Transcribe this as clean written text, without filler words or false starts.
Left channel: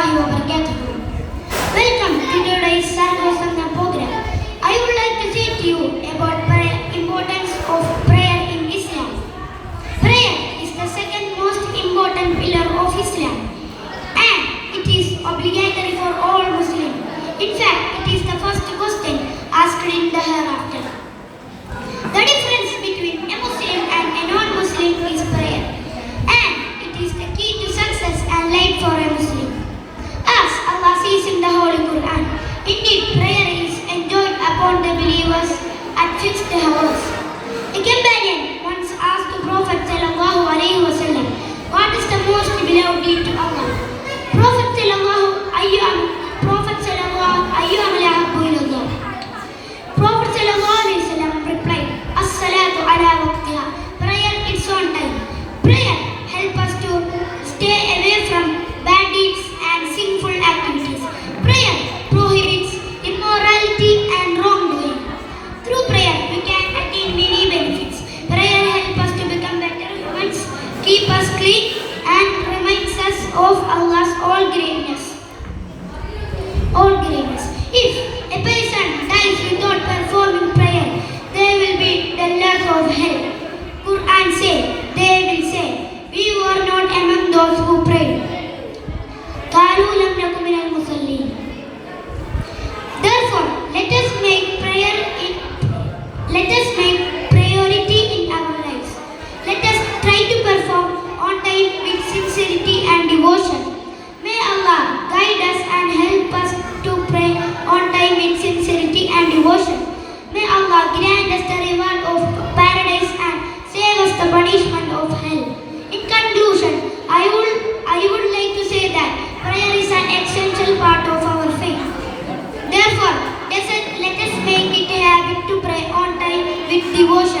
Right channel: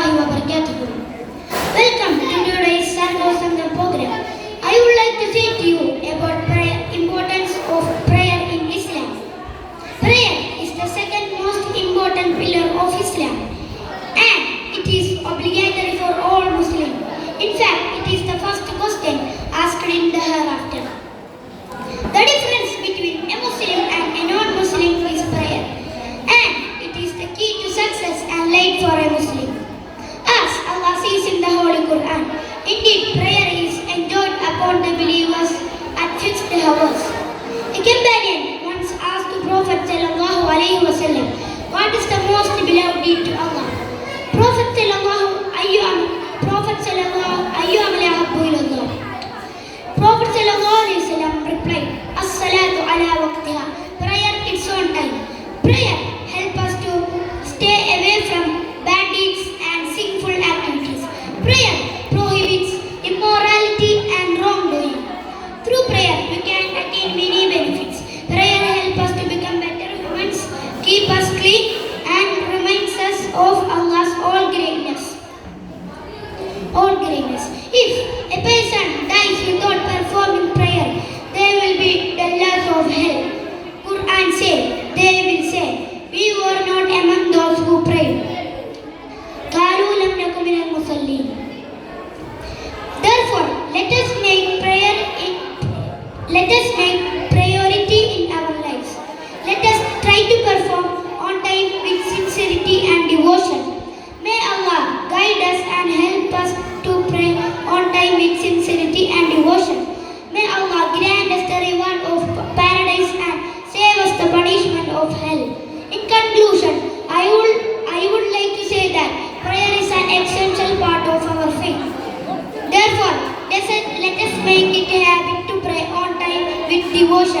warahmatullahi wabarakatuh. Welcome to today's Sarvasanga program. I would like to say to you about importance of prayer in Islam. Prayer is the second most important pillar of Islam and it is obligatory for all Muslims. In fact, it is the first question asked in the hereafter. The difference between a Muslim and a non-Muslim is prayer, and it is the key to success and light for a Muslim. As Allah says in the Holy Quran, indeed prayer is enjoined upon the believers at fixed hours. A companion once asked the Prophet sallallahu alaihi wasallam, "What is the most beloved deed to Allah?" Prophet sallallahu alaihi wasallam replied, "As-salatu ala waqtiha." Prayer its own time. Prayer help us to stay away from bad deeds and sinful activities. Prayer prohibits immorality and wrongdoing. Through prayer, we can attain many benefits. Prayer helps us to become better humans, keep us clean, and reminds us of Allah's all greatness. If a person dies without performing prayer, they will be the last of hell. Quran says, they will say, "We were not among those who prayed." قالوا لم نكن من المصلين. Therefore, let us make priority in our lives. Let us try to perform on time with sincerity and devotion. May Allah guide us and help us to pray on time with sincerity and devotion. May Allah grant us the reward of paradise and save us the punishment of hell. In conclusion, I would like to say that prayer is an essential part of our faith. Therefore, let us make it a habit to pray on time with devotion.